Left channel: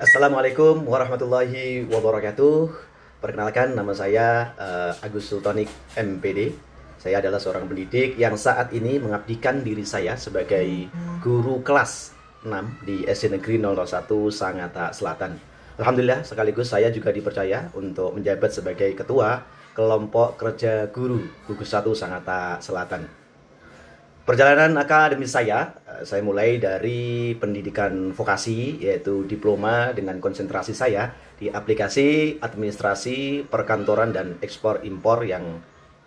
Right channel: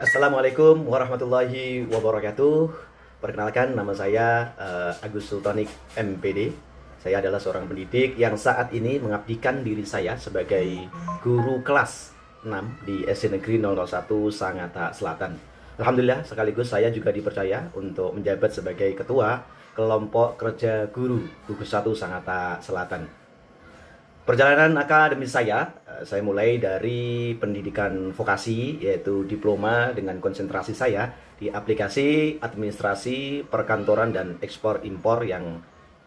Assalamualaikum warahmatullahi wabarakatuh. Perkenalkan, nama saya Agus Sultanik MPD. Saya adalah seorang pendidik yang saat ini mengabdikan diri saya sebagai guru kelas 6 di SD Negeri 001 Sangatta Selatan. Alhamdulillah, sekaligus saya juga dipercaya untuk menjabat sebagai ketua kelompok kerja guru gugus 1 Sangatta Selatan. Perjalanan akademis saya mulai dari pendidikan vokasi, yaitu diploma dengan konsentrasi saya di aplikasi administrasi perkantoran dan ekspor impor yang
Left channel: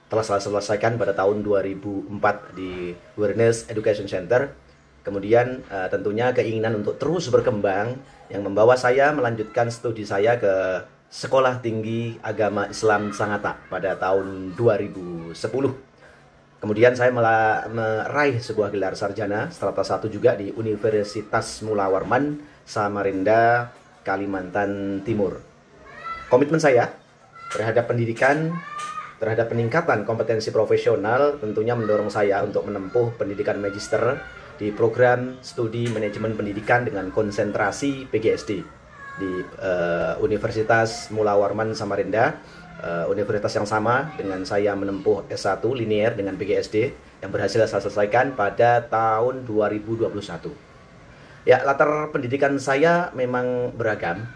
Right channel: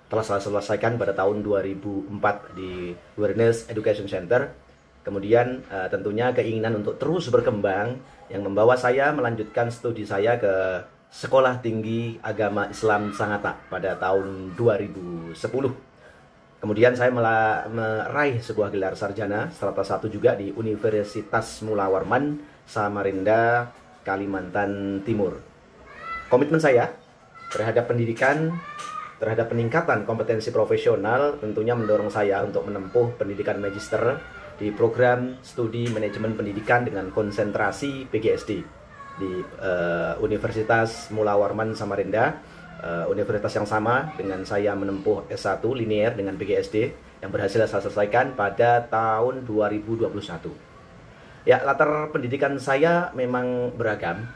telah saya selesaikan pada tahun 2004 di Awareness Education Center. Kemudian tentunya keinginan untuk terus berkembang yang membawa saya melanjutkan studi saya ke Sekolah Tinggi Agama Islam Sangatta pada tahun 2010. Kemudian saya meraih sebuah gelar sarjana strata 1 juga di Universitas Mula Warman, Samarinda, Kalimantan Timur. Komitmen saya terhadap pendidikan, terhadap peningkatan kompetensi profesional tentunya mendorong saya untuk menempuh pendidikan magister di program studi manajemen pendidikan dengan konsentrasi PGSD di Universitas Mula Warman, Samarinda. Universitas yang sama dengan saya menempuh S1 linear dengan PGSD yang berhasil saya selesaikan pada tahun 2021. Ya, latar pendidikan saya memang beragam.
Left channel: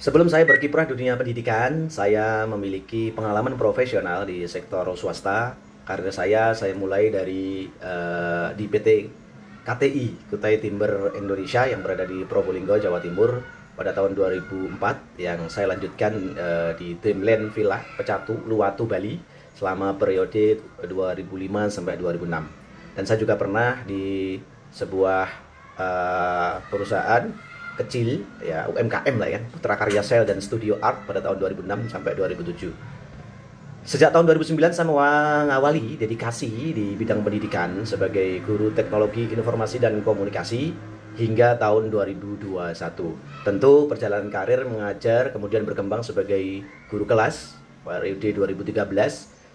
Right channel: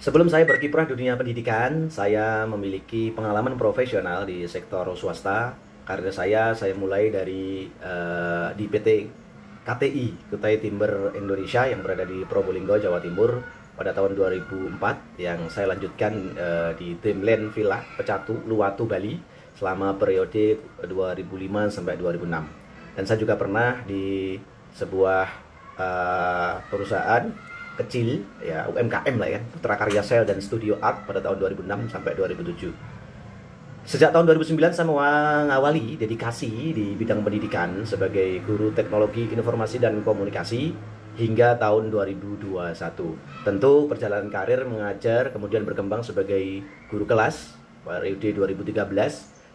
Sebelum saya berkiprah di dunia pendidikan, saya memiliki pengalaman profesional di sektor swasta. Karena saya mulai dari di PT KTI, Kutai Timber Indonesia yang berada di Probolinggo, Jawa Timur pada tahun 2004, yang saya lanjutkan di Dreamland Villa Pecatu, Luwatu, Bali selama periode ke 2005 sampai 2006. Dan saya juga pernah di sebuah perusahaan kecil, ya UMKM lah ya, Putra Karya Sel dan Studio Art pada tahun 2006 sampai 2007. Sejak tahun 2009 saya mengawali dedikasi di bidang pendidikan sebagai guru teknologi informasi dan komunikasi hingga tahun 2021. Tentu perjalanan karir mengajar kemudian berkembang sebagai guru kelas periode 2013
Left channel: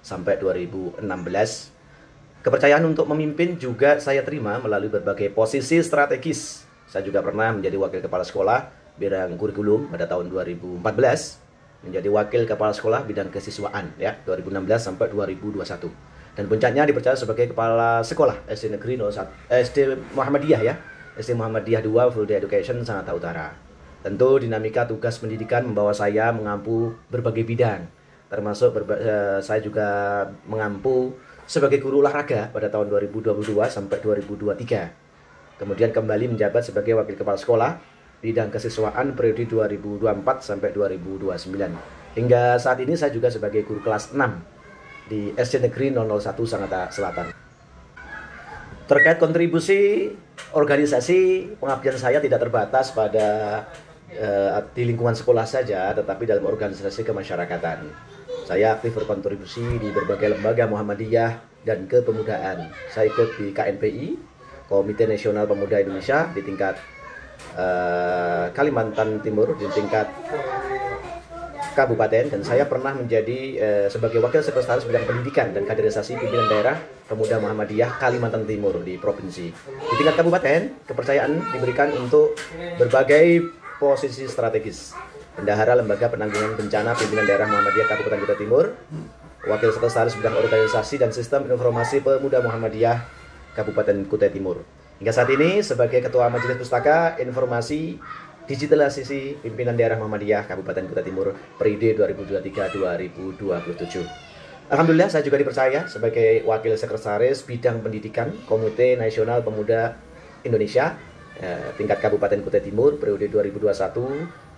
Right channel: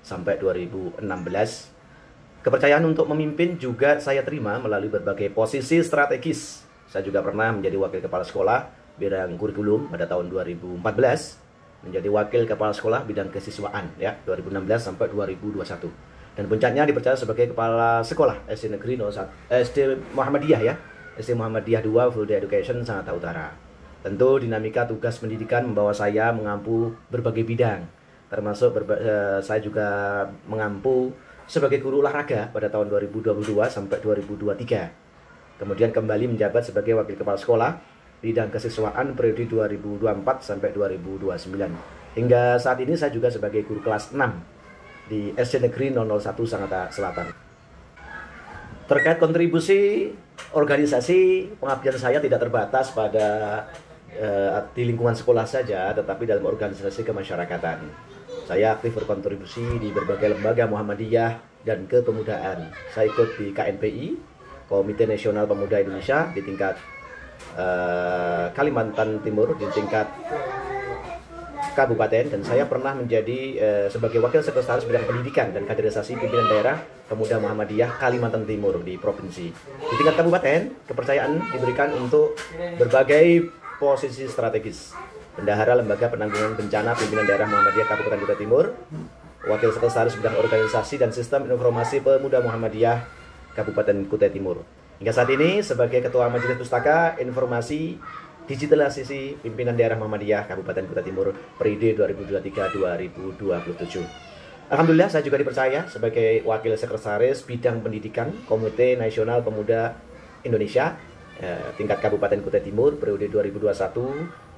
sampai 2016. Kepercayaan untuk memimpin juga saya terima melalui berbagai posisi strategis. Saya juga pernah menjadi wakil kepala sekolah bidang kurikulum pada tahun 2014, menjadi wakil kepala sekolah bidang kesiswaan ya 2016 sampai 2021. Dan puncaknya dipercaya sebagai kepala sekolah SD Negeri 01 SD Muhammadiyah ya. SD Muhammadiyah 2 Full Day Education Sangatta Utara. Tentu dinamika tugas pendidikan membawa saya mengampu berbagai bidang, termasuk saya juga mengampu sebagai guru olahraga pada tahun 2022 sampai 2023. Kemudian kembali menjabat sebagai wakil kepala sekolah bidang kesiswaan periode 2024 sampai 2029. Hingga saat ini saya juga sebagai guru kelas 6 di SD Negeri 001 Sangatta Selatan. Terkait kontribusi organisasi, pengabdian saya tidak terbatas pada di lingkungan sekolah saja, tetapi dalam organisasi kemasyarakatan. Saya aktif berkontribusi di berbagai lembaga Muhammadiyah dan kepemudaan. Saya ikut di KNPI, Komite Nasional Pemuda Indonesia, di tingkat Kalimantan Timur, di tingkat kabupaten, dan saya pernah menjadi sebagai wakil sekretaris bidang pendidikan dan kaderisasi pimpinan daerah Pemuda Muhammadiyah Kalimantan Timur di provinsi. Di tingkat kabupaten, kepercayaan diberikan untuk berbagai posisi strategis. Bendahara Lembaga Penanggulangan Bencana Pimpinan Daerah Muhammadiyah Kabupaten Kutai Timur, wakil sekretaris bidang organisasi dan sistem informasi Pemuda Muhammadiyah Kabupaten Kutai Timur. Hingga saat ini sebagai Ketua Majelis Pustaka Informasi Digitalisasi Pimpinan Daerah Muhammadiyah Kabupaten Kutai Timur periode 2023-2027. Alhamdulillah saya juga dipercaya sebagai Wakil Sekretaris Bidang Pendidikan Komite Nasional Pemuda Indonesia tingkat Kabupaten Kutai Timur periode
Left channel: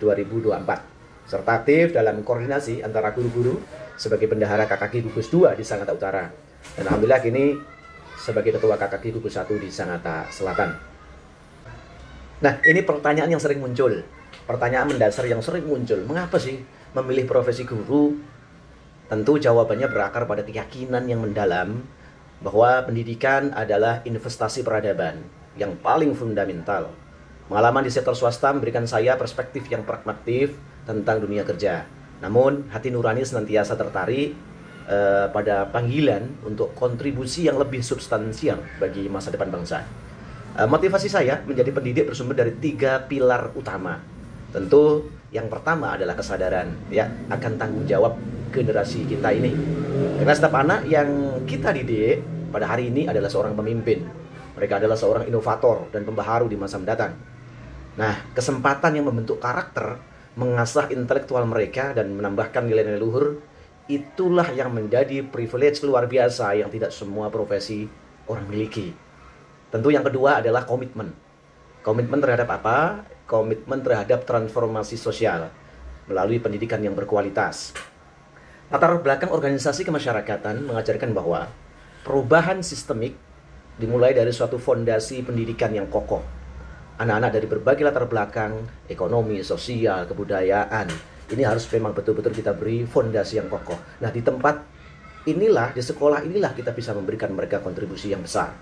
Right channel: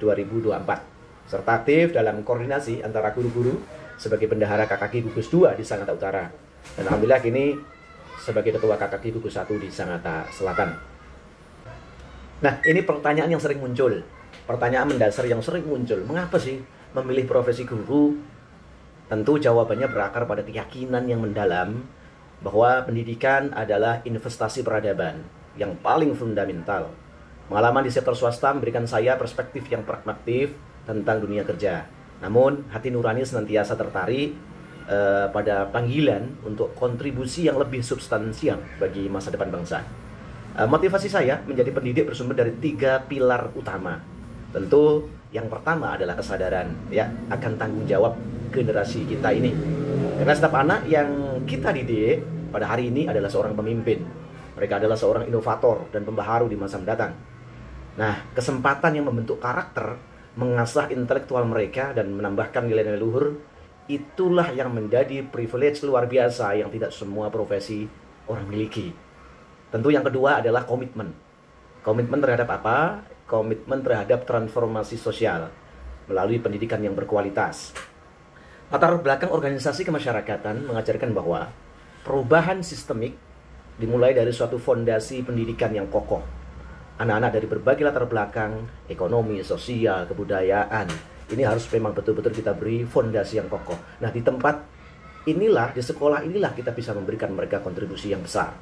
2021-2024, serta aktif dalam koordinasi antara guru-guru sebagai bendahara KKK Gugus 2 di Sangatta Utara. Dan alhamdulillah kini sebagai Ketua KKK Gugus 1 di Sangatta Selatan. Nah, ini pertanyaan yang sering muncul. Pertanyaan mendasar yang sering muncul. Mengapa sih memilih profesi guru? Tentu jawabannya berakar pada keyakinan yang mendalam bahwa pendidikan adalah investasi peradaban yang paling fundamental. Pengalaman di sektor swasta memberikan saya perspektif yang pragmatis tentang dunia kerja. Namun, hati nurani senantiasa tertarik pada panggilan untuk kontribusi yang lebih substansial bagi masa depan bangsa. Motivasi saya menjadi pendidik bersumber dari 3 pilar utama. Tentu yang pertama adalah kesadaran ya akan tanggung jawab generasi kita ini. Karena setiap anak yang kita didik pada hari ini adalah seorang pemimpin. Mereka adalah seorang inovator dan pembaharu di masa mendatang. Nah, kesempatan yang membentuk karakter, mengasah intelektual mereka dan menambahkan nilai-nilai luhur, itulah yang menjadi privilege luar biasa yang tidak semua profesi orang miliki. Tentu yang kedua adalah komitmen. Komitmen terhadap apa? Komitmen terhadap transformasi sosial melalui pendidikan yang berkualitas. Latar belakang organisasi kemasyarakatan mengajarkan bahwa perubahan sistemik dimulai dari suatu fondasi pendidikan yang kokoh. Anak-anak dari berbagai latar belakang, ekonomi, sosial, kebudayaan, ini harus memang betul-betul kita beri fondasi yang kokoh. Nah, di tempat inilah, di sekolah inilah kita bisa memberikan mereka kontribusi yang besar.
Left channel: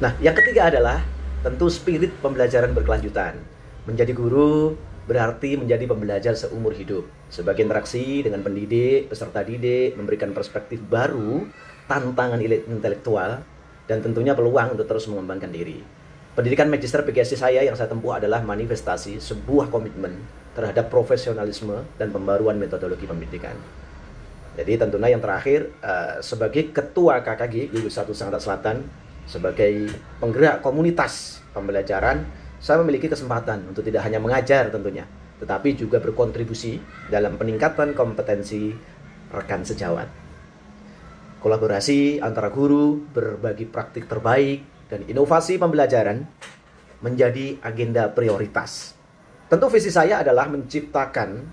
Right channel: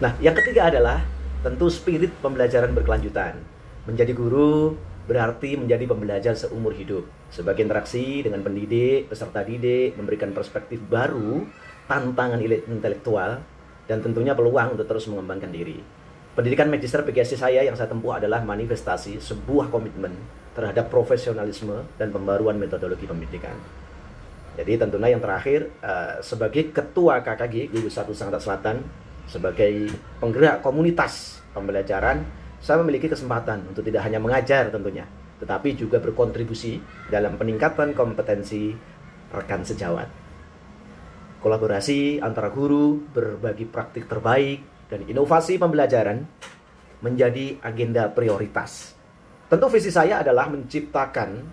Nah, yang ketiga adalah tentu spirit pembelajaran berkelanjutan. Menjadi guru berarti menjadi pembelajar seumur hidup. Sebagai interaksi dengan pendidik, peserta didik, memberikan perspektif baru, tantangan intelektual, dan tentunya peluang untuk terus mengembangkan diri. Pendidikan magister PGSD saya yang saya tempuh adalah manifestasi sebuah komitmen terhadap profesionalisme dan pembaruan metodologi pendidikan. Jadi tentunya yang terakhir, sebagai Ketua KKG di Nusa Tenggara Selatan, sebagai penggerak komunitas pembelajaran, saya memiliki kesempatan untuk tidak hanya mengajar tentunya, tetapi juga berkontribusi dalam peningkatan kompetensi rekan sejawat. Kolaborasi antara guru, berbagi praktik terbaik, dan inovasi pembelajaran menjadi agenda prioritas. Tentu visi saya adalah menciptakan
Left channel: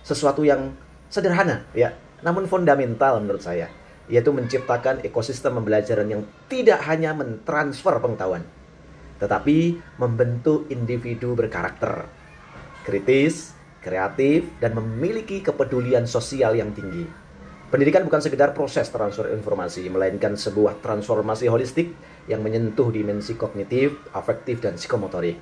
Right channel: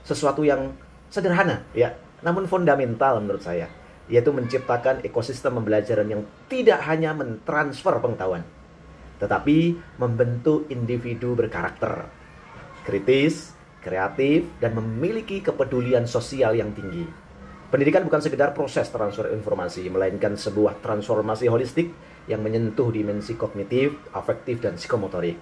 sesuatu yang sederhana, ya, namun fundamental menurut saya, yaitu menciptakan ekosistem pembelajaran yang tidak hanya mentransfer pengetahuan, tetapi membentuk individu berkarakter, kritis, kreatif, dan memiliki kepedulian sosial yang tinggi. Pendidikan bukan sekedar proses transfer informasi, melainkan sebuah transformasi holistik yang menyentuh dimensi kognitif, afektif, dan psikomotorik.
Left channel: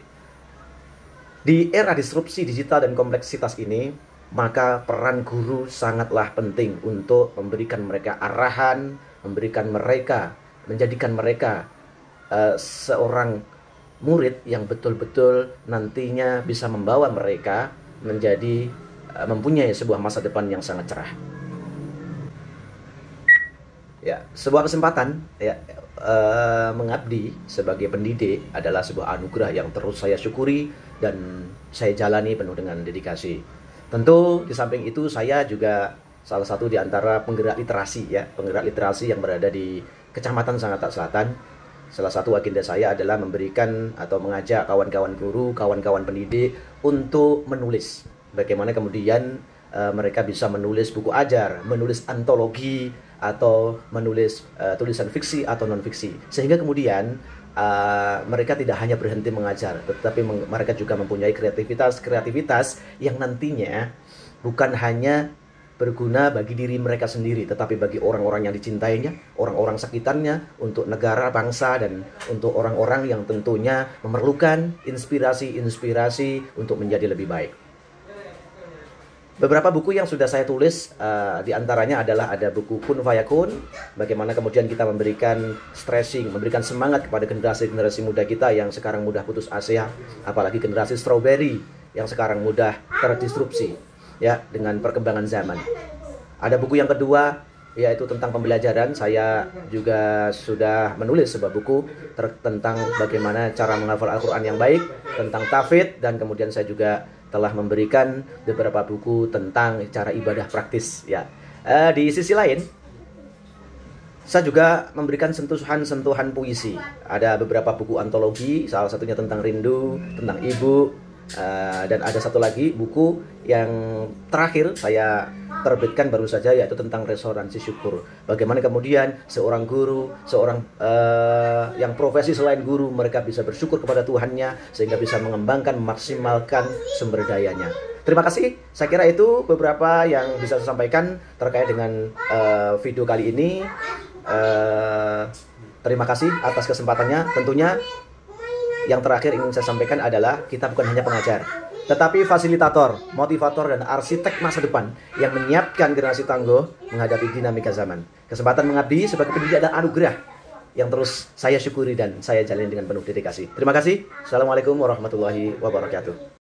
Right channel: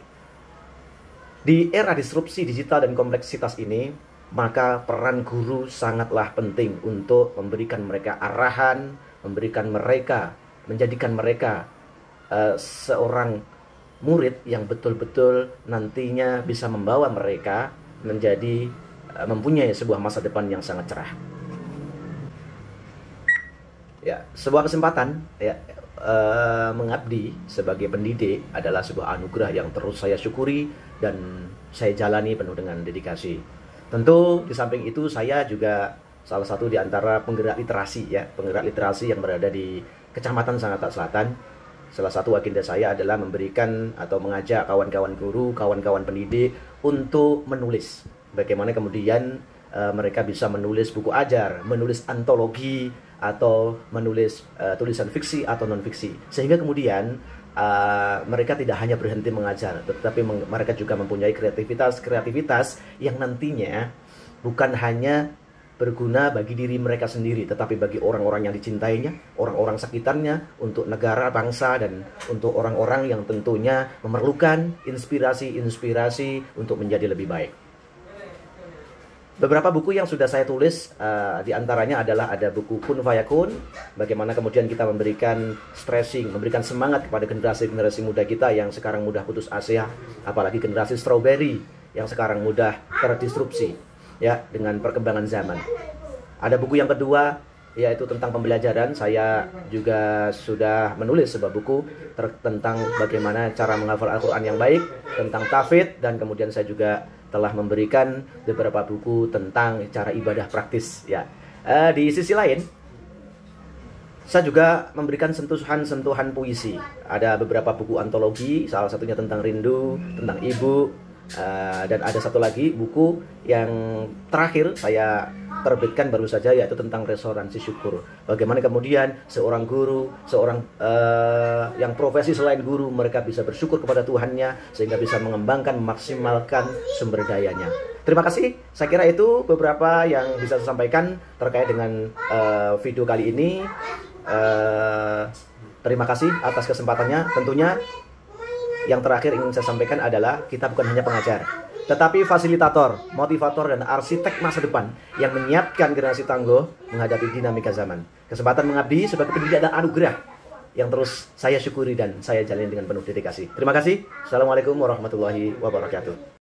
Di era disrupsi digital dan kompleksitas ini, maka peran guru sangatlah penting untuk memberikan mereka arahan, menjadikan mereka seorang murid yang betul-betul nantinya bisa membawa mereka menjadi mempunyai sebuah masa depan yang sangat cerah. Ya, sebuah kesempatan ya, mengabdi sebagai pendidik adalah sebuah anugerah yang terus saya syukuri dan saya jalani penuh dengan dedikasi. Tentu di samping itu saya juga salah satu di antara penggerak literasi ya, penggerak literasi yang berada di Kecamatan Sangatta Selatan. Salah satu agenda saya adalah memberikan atau mengajak kawan-kawan guru, kawan-kawan pendidik untuk menulis. Bagaimana kemudian mereka bisa menulis buku ajar, menulis antologi, atau menulis tulisan fiksi atau non-fiksi. Sehingga kemudian mereka tidak hanya berhenti mengajar, tetapi mereka juga mempunyai kreativitas yang nantinya bukan hanya berguna bagi diri mereka sendiri, tetapi bagi orang-orang yang dicintainya, orang-orang sekitarnya, untuk negara, bangsa, dan untuk orang-orang yang tentunya memerlukan inspirasi-inspirasi untuk menjadi lebih baik. Beberapa buku yang sudah saya tulis, diantaranya adalah ada buku Kun Fayakun, bagaimana kemudian kita memberikan stressing, memberikan semangat kepada generasi-generasi muda kita yang sekarang mudah putus asa, apalagi generasi strawberry yang sekarang mudah terdisrupsi ya dengan perkembangan zaman. Ada buku yang kedua yaitu tentang pembelajaran. Saya juga sudah menulis sebuah buku tentang bagaimana cara menghafal Al-Quran yang baik, tentang tahfidz, dan kemudian saya juga telah memberikan beberapa buku tentang cara ibadah praktis ya. Di sisi lain, saya juga memberikan sentuhan-sentuhan puisi. Ada beberapa buku antologi, salah satunya tentang rindu, tentang ibu, dan ada satu lagi buku yang terakhir saya terbitkan baru saja, yaitu tentang resonansi syukur. Bagaimana kemudian seorang guru, yang profesi selain guru, mereka bisa bersyukur kepada Tuhannya sehingga bisa mengembangkan, memaksimalkan sumber dayanya. Terima kasih. Saya kira itu beberapa yang bisa saya sampaikan terkait dengan video kali ini. Terima kasih atas kesempatannya. Tentunya yang terakhir ingin saya sampaikan adalah kita bukan hanya pengajar, tetapi fasilitator, motivator, dan arsitek masa depan yang menyiapkan generasi tangguh menghadapi dinamika zaman. Kesempatan mengabdi sebagai pendidik adalah anugerah yang terus saya syukuri dan saya jalani dengan penuh dedikasi. Terima kasih. Assalamualaikum warahmatullahi wabarakatuh.